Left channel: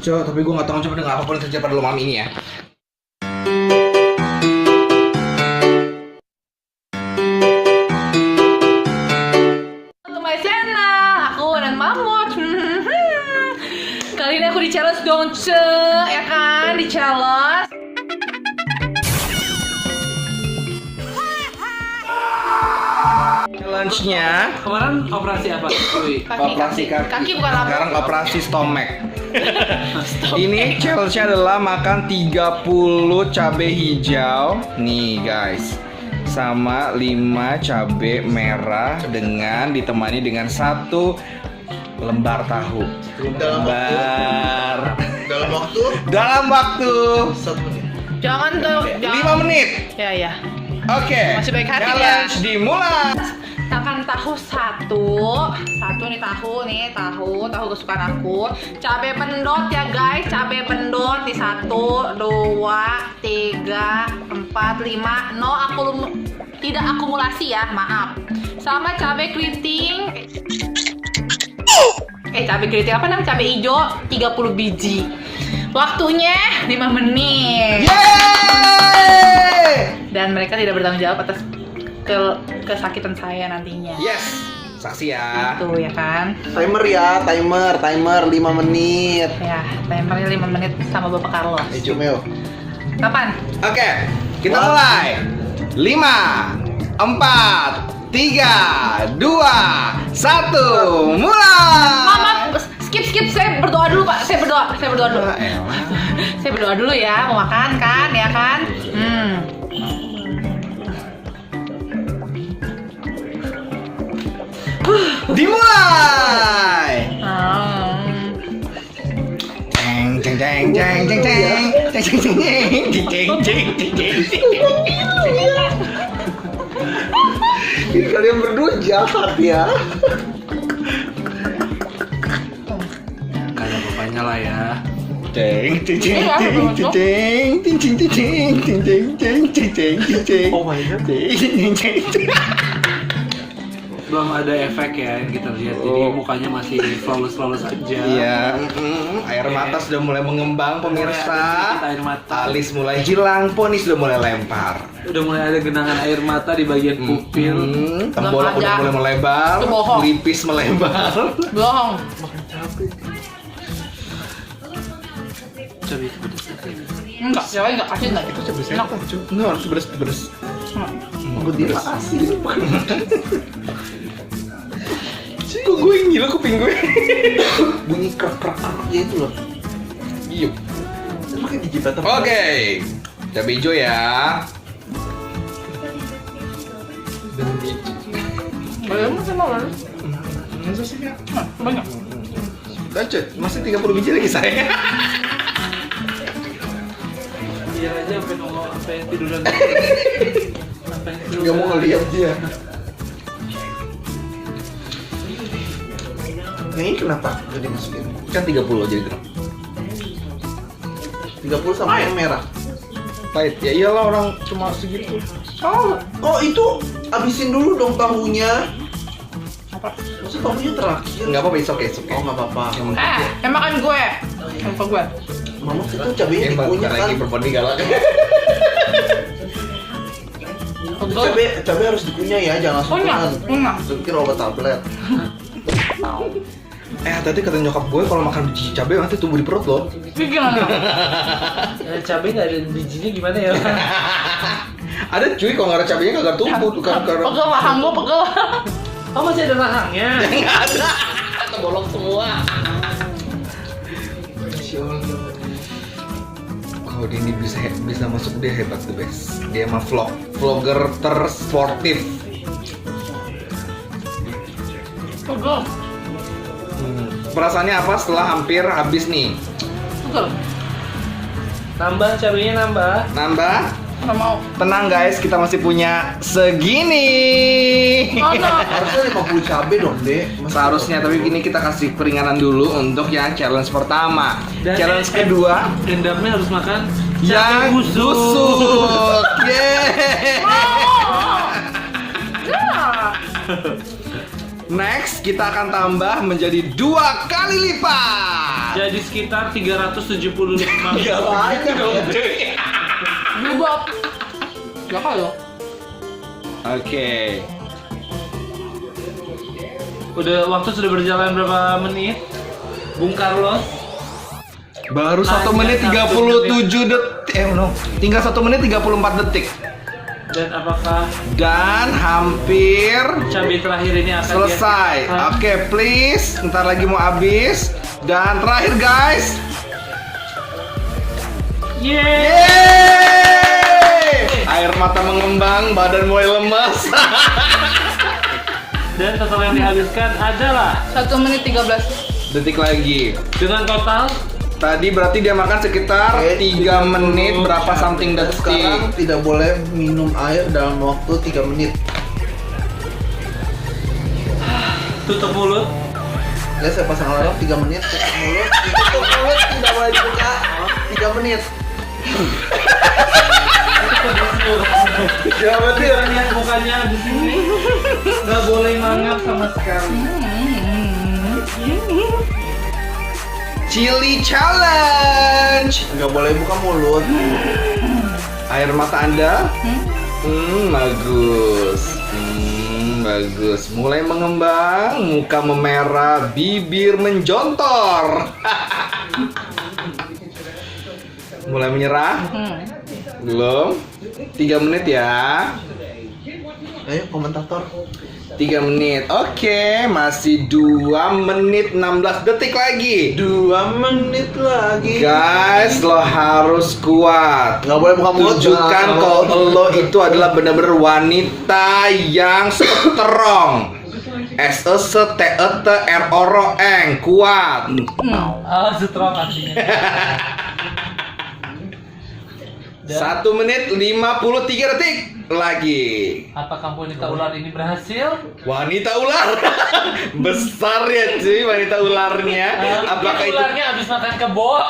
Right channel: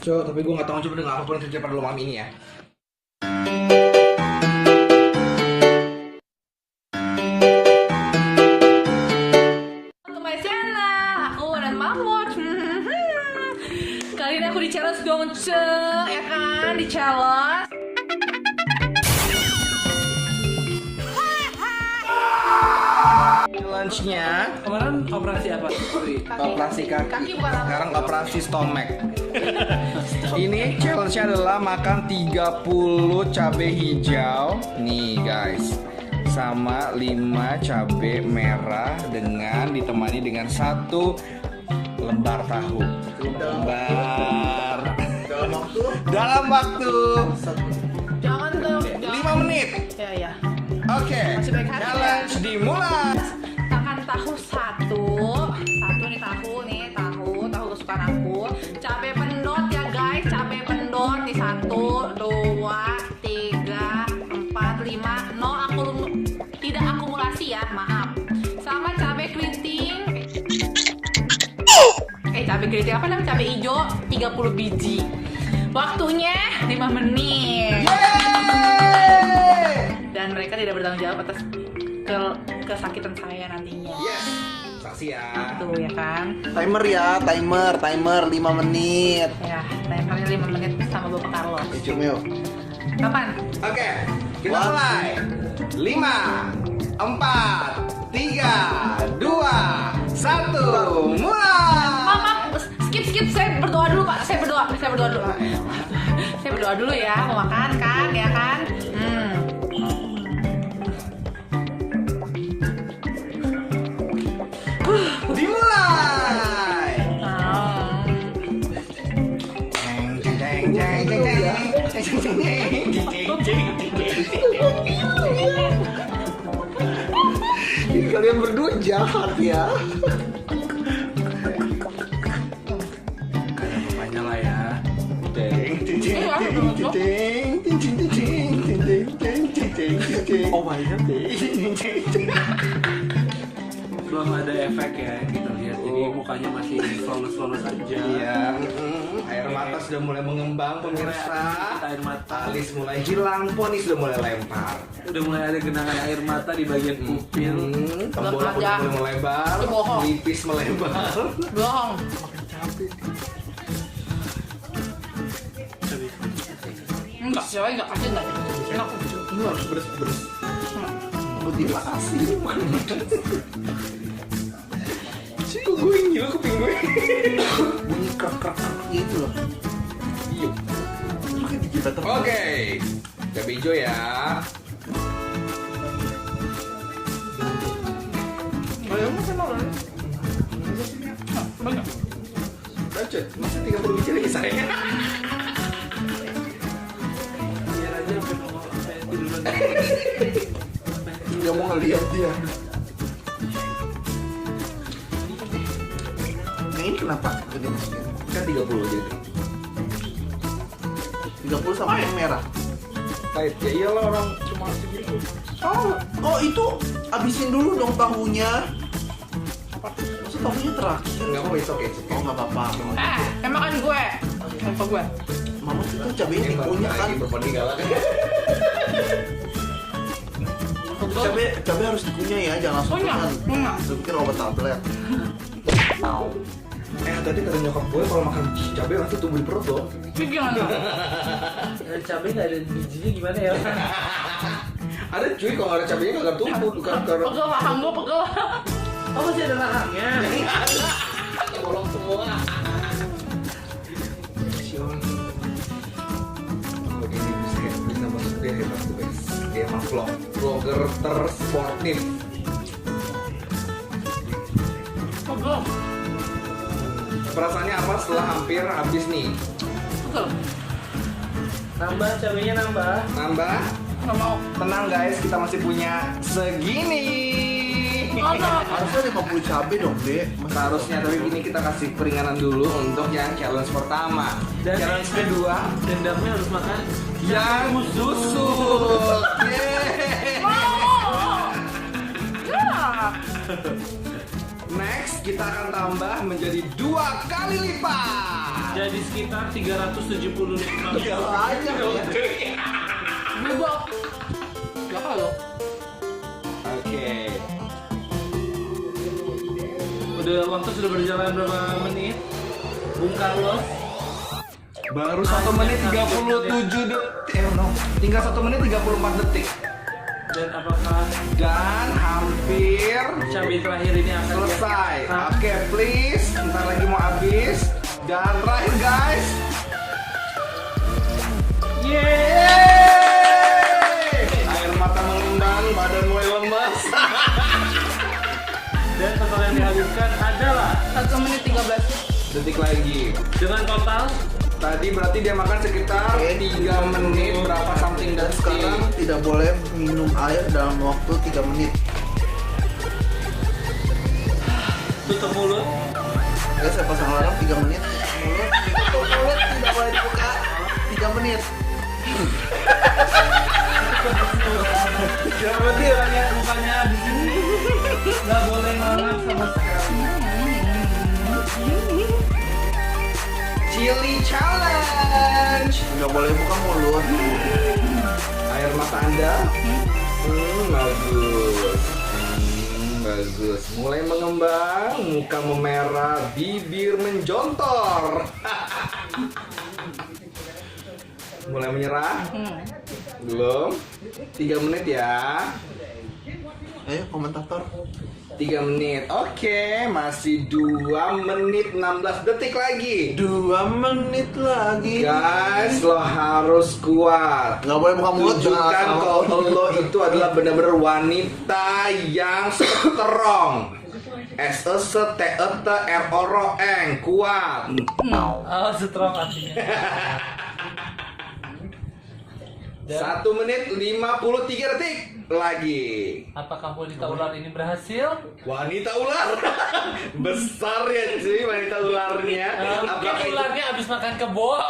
Coba, tapi gue nggak tahu coba dengan apapun yang terjadi pada malam ini ya. Untuk my channel, aku dan Mamut. Kali ini aku di challenge dong, ya kan? Di challenge. Challenge-nya Kemarin operasi apa? operasi kaki. Kaki bukan apa? Sekarang operasi stomach. Ini challenge-nya adalah makan 30 cabai hijau. Nih guys. Sama 5 cabai merah dengan ditemani dengan 1 lembar tahu. Dalam waktu Jangan tuh. 5 menit. Ya. Oke. Masih baik hati challenge ya. dimulai. Makan tahu satu nih tahu kesukaan aku. Cabai pendot ya guys, cabai pendot di 1, 2, 3, 4, 5. No, tidak akumulasi ya, maaf. Sama cabai keriting. Cabai keriting apa namanya? Cabai hijau 30 biji. Waktunya 5 menit. Yeay! Dan mereka tidak bertanggung jawab atas kesakitan saya nantinya. Yes. Saksi ya. Tuh ya kan. Timer ya, timer 5 menit. Ya, timernya 5 menit sama Bapak Carlos. Cumeo. Kapan? Oke, kita mulai. 5, 4, 3, 2, 1, mulai. Maaf, skip. Saya berdoa dulu, Pak. Saya berdoa dulu. Saya berdoa dulu ya, mau makan kan, ya kan? Dimulai. Jeng jeng jeng jeng jeng jeng jeng jeng jeng jeng. Ini kalian berdua jahat ya. Kayak bapaknya lah ya. Jeng jeng jeng jeng jeng jeng jeng jeng jeng jeng jeng. Oh my god. Belum ada efek ya yang kita lihat. Jadi mukanya masih flawless aja. Iya, air mata sudah mulai mengembang pemirsa. Air mata. Alis mulai hilang, poni sudah mulai lempar. Udah mulai ada genangan air mata di bagian pupil. Tembolak Belum udah ada. mulai melebar, Itu bohong. lipis melebar. Bohong. Coba. Enggak, siapa enggak kasih enggak gitu. Enak. Ini harus beres. Terima kasih. Kok gue yang gila kuping gue? Bunyi krek gitu loh. Iya. Itu kayak gigi batas. Oke, cabai hijau ya. Belum sama orang. Banyak. Lanjut, masih 30 biji lagi saya. Biar aja sampai ngomong apa yang tiduran. Gak mau ngeliat dia. Ini kenapa jadi masukin? Kan 30 jadi tuh. 30 sama yang merah. Pahit ya iyalah orang cuma segitu. Oh itu habisin dulu dong tahunya. Apa? Maksud tahunya terakhir. Enggak apa-apa, it's okay. Oh nggak apa-apa. Makan gue. Lupa gue. Mama itu cabenya Emang dikunyah lagi kan. berponi galak. Cabai harus dikunyah ya, jangan Kunyah. Masukin obat tablet. Tadi kata nyokap gue kalau makan biji cabai nanti tumbuh di perut loh. Gimana? Ya, cabai nggak ada bijinya gimana ya? Ada cuy, kalau nggak ada cabainya nggak tumbuh tuh kan. Pegel rahang gue pegel. Oh masih ada rahangnya. Nggak ada. Bolong semua. Oh dia ini bisa masuk, dia hebat tuh guys. Dia emang vlogger tersportif. Pegel. Perasaannya apa setelah hampir habis nih? Pegel. Nambah cabainya nambah. Nambah? Nggak mau. Tenang guys, kita masih punya segini. Mana? Harusnya 50 cabai dong, Dek. Seharusnya, tapi gini kita kasih keringanan dulu untuk yang challenge pertama. Dan- Challenge kedua Dendamnya harus makan yang busuk. Yeay. Ya. Next kita akan tambah menjadi 2 kali lipat. ada di sekitar 375. Gak banyak ya. Berubah. Berapa lo? Oke. Waktu sudah berjalan berapa menit? Bung Carlos. Baru 1 menit 37 detik. No. Tinggal 1 menit 34 detik. Dan apakah Dan hampir cabai terakhir ini akan selesai. dia- Oke, please. Ntar lagi mau habis. Dan terakhir guys. Yeay! Air mata mengembang, badan mulai lemas. Dan total yang dihabiskan adalah 1 menit 13. Detik lagi. dengan total Tadi berarti dia makan sekitar 3 menit berapa something detik. Sekarang tidak boleh minum air dalam waktu 3 menit. tutup mulut. Ya saya pasang alarm 3 menit. Tutup mulut tidak boleh dibuka 3 menit. Ya betul. Bukannya di sini nggak boleh mangap sama sekali. Chili challenge. Nggak boleh buka mulut. Air mata Anda? Bagus. Bagus. Mulai mengembang, muka memerah, bibir menjontor. Mulai menyerah? Belum? 3 menit ya. Ayo komentator. 3 menit. Oke, masih 2 menit 16 detik lagi. 2 menit lagi. Guys, lo harus kuat. Nggak boleh buka mulut. Tunjukkan kalau lo itu adalah benar-benar wanita yang strong. S-E-S-T-E-T-R-O-R-O-N. Kuat. Setelah artinya. 1 menit 53 detik lagi. Apakah wanita ular ini berhasil? Wanita ular. Besar ya cuy wanita ularnya. Apakah itu ularnya habis makan kebo?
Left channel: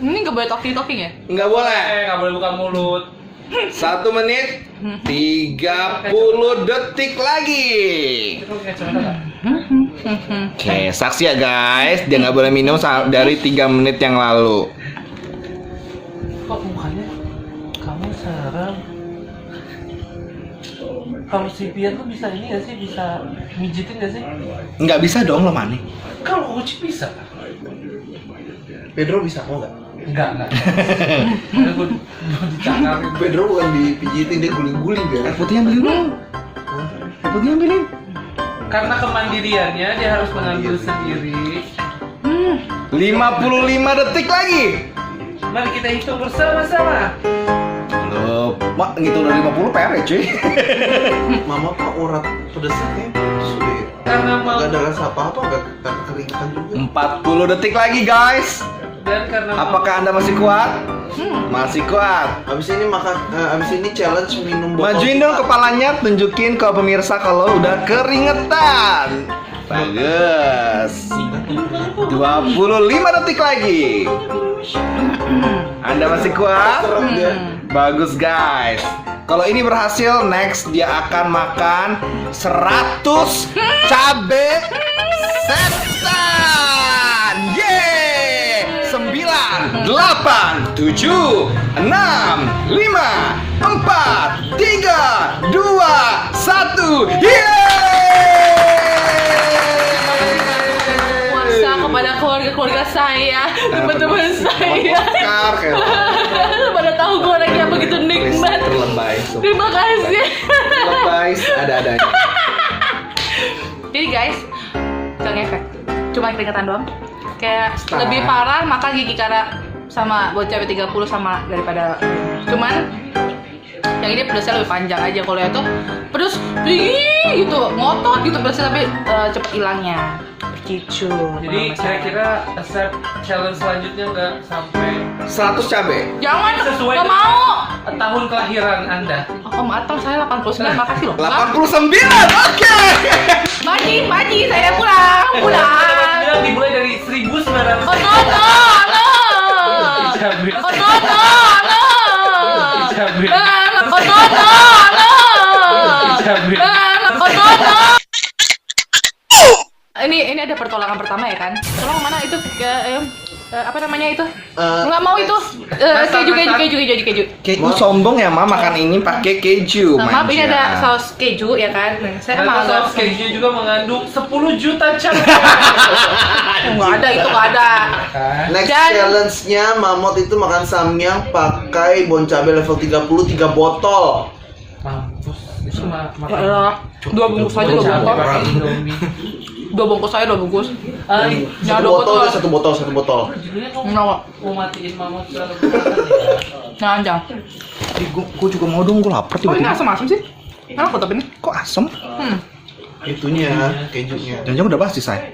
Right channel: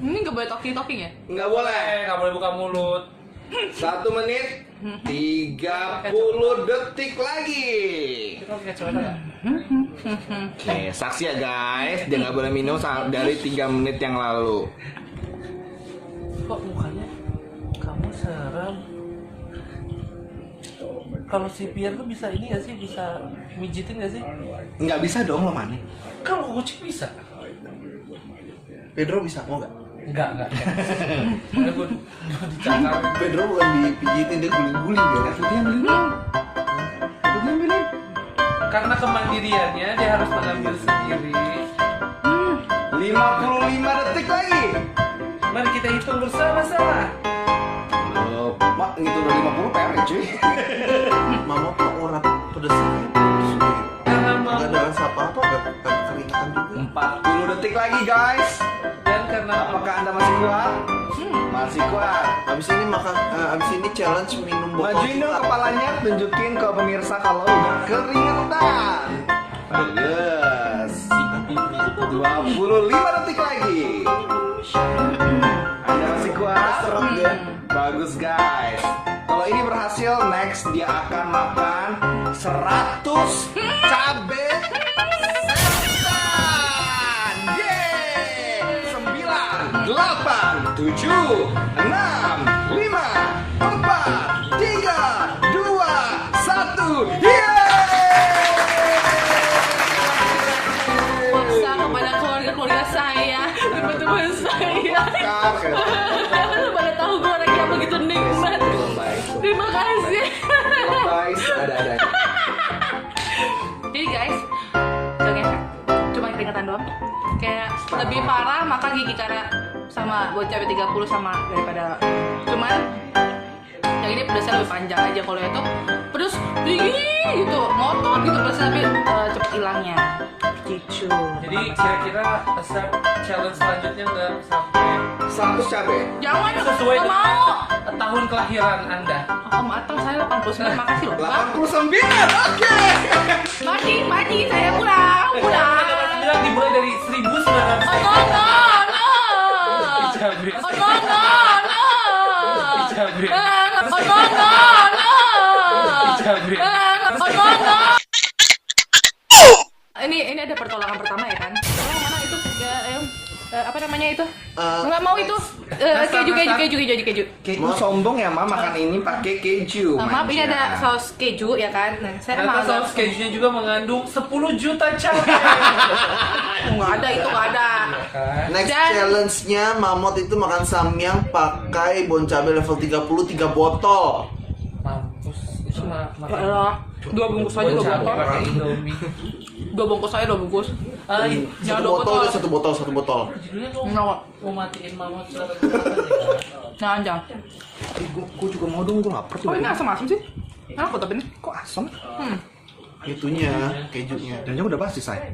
Ini nggak boleh talking ya? nggak boleh? Nggak boleh buka mulut. 1 menit 30 detik lagi. Oke, saksi ya guys, dia nggak boleh minum dari 3 menit yang lalu. Kok mukanya kamu serem? Kalau si Pian tuh bisa ini nggak sih? Bisa mijitin nggak sih? Nggak bisa dong lo Mani. Kalau kucing bisa. Pedro bisa mau nggak? Enggak. Karena gue dicakar. Pedro bukan dipijitin, dia guling-guling ya. Putih ambilin dong. Putih ambilin. Karena kemandiriannya dia harus mengambil sendiri. 55 detik lagi. Mari kita hitung bersama-sama. Loh, Mak ngitung dari 50 PR ya cuy. Mama pak urat pedesnya sudah ya. Karena mau Gak ada rasa apa-apa, gak keringetan juga. 40 detik lagi guys. dan karena Apakah Anda masih kuat? Masih kuat. Abis ini challenge minum botol. Majuin dong kepalanya, tunjukin ke pemirsa kalau udah keringetan. Bagus. 25 detik lagi. Anda masih kuat? Bagus guys. Kalau ini berhasil, next dia akan makan 100 cabe setan. Yeay! 9, 8, 7, 6, 5, 4, 3, 2, 1. Puasa kepada keluarga saya, teman-teman saya. Pada tahu gorengnya begitu nikmat. Terima kasih. Guys, ada. Jadi guys, gak ngefek. Cuma keringetan doang. Kayak lebih parah makan gigi kara sama buat cabai 30 sama daripada. Cuman yang ini pedasnya lebih panjang aja. Kalau itu pedas tinggi gitu, ngotot gitu pedasnya tapi cepet hilangnya. Gitu. jadi kira-kira accept challenge selanjutnya nggak sampai 100 cabe. Jangan, sesuai gak dengan mau. tahun kelahiran Anda. Om Atang saya 89, makasih loh. 89. Oke. Maji, saya pulang. Dia dimulai dari 1900. Oh no. Oh no. ini ada pertolongan pertama ya kan? Tolong mana itu? Apa namanya itu? Nggak mau itu. Keju. Keju sombong ya, Ma, makan ini pakai keju. Maaf, ini manja. ada saus keju ya kan? Nah, saya emang agak saus keju juga mengandung 10 juta calorie. nggak ada itu nggak ada. Next Dan- challenge-nya Mamot itu makan samyang pakai bon cabai level 30 3 botol. Alah, 2 bungkus aja 2 botol. 2 bungkus aja 2 bungkus. Jangan 2 botol. Satu botol. Nggak. Mau matiin mamut Jangan. Gue juga mau dong, gue lapar Oh ini asam-asam sih? Enak kok tapi ini. Kok asem? Itunya, kejunya. Jangan-jangan udah pasti, say.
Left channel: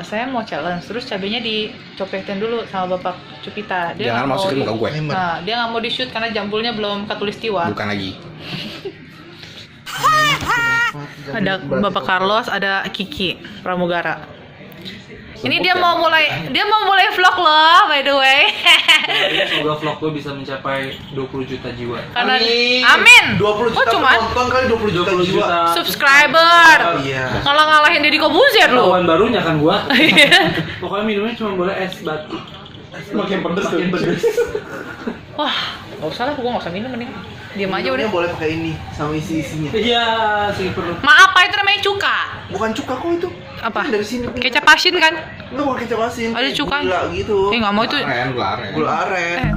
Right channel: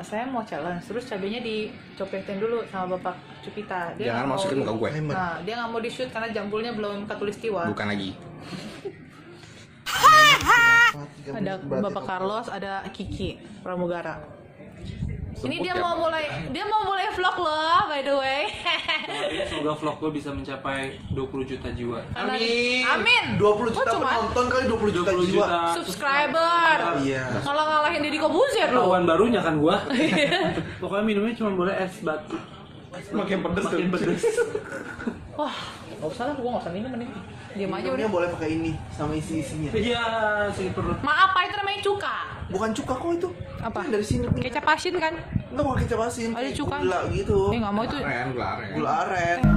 Saya mau challenge, terus cabenya dicopetin dulu sama Bapak Cupita. Dia Jangan nggak masukin mau muka gue. Nah, dia nggak mau di-shoot karena jambulnya belum katulistiwa. Bukan lagi. Ada Bapak Carlos, ada Kiki Pramugara. Ini dia mau mulai vlog loh, by the way. Semoga vlog gue bisa mencapai 20 juta jiwa. Karena amin. 20 Oh juta cuma penonton kali 20 juta jiwa. subscriber. Iya. Kalau ngalahin Deddy Kobuzer lu. Lawan barunya kan gua. Pokoknya minumnya cuma boleh es batu. Makin pedes. Wah, nggak usah lah, gua nggak usah minum mending. Diam aja udah. Minumnya boleh pakai ini sama isi-isinya. Iya, sih perlu. Maaf, apa itu namanya cuka? Bukan cuka kok itu. Apa? Dari sini. Kecap asin kan? Enggak pakai kecap asin. Ada cuka. Gula gitu. Nggak mau itu. Gula aren. Gula aren. Eh,